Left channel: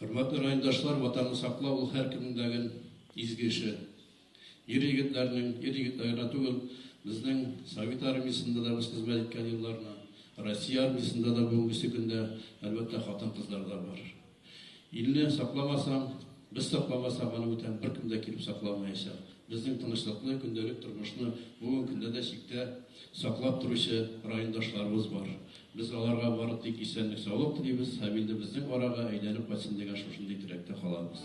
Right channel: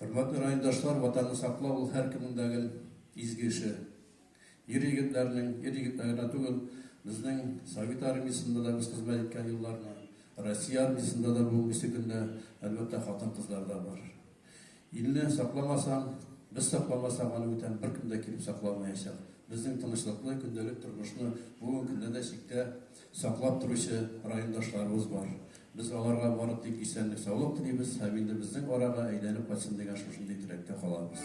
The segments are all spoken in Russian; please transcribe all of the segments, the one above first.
Hürmetli rayondaşlar, vatanı saklау ул һәркемнең изге эше. Ир егетләргә түгел, безнең Совет армиясында да без хезмәт иткән елларны, Россия армиясында да бүгенге көндә әлбәттә хатын-кызлар да бар. Илне сакламасаң, без сакламасак, аны бүтән беркем дә килеп сакламаячак. Безнең тынычлыклы көндәлек тормышны бүгенге көндә дә чиктә саклап торучы райондашларыбыз бар. Biz аларга бары тик исәнлек, саулык телибез, һәм инде безнең арага әйләнеп кайтсын дигән шушындый теләктә калабыз.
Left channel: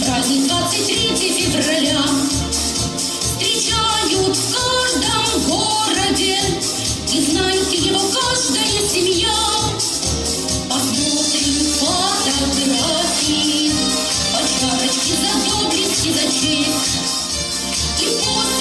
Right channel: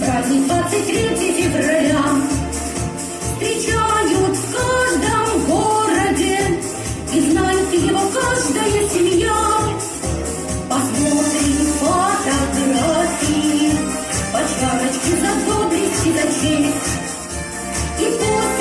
Праздник 23 февраля встречают в каждом городе, и знает его каждая семья. Посмотрим фотографии, по чарочке за доблесть и за честь, и после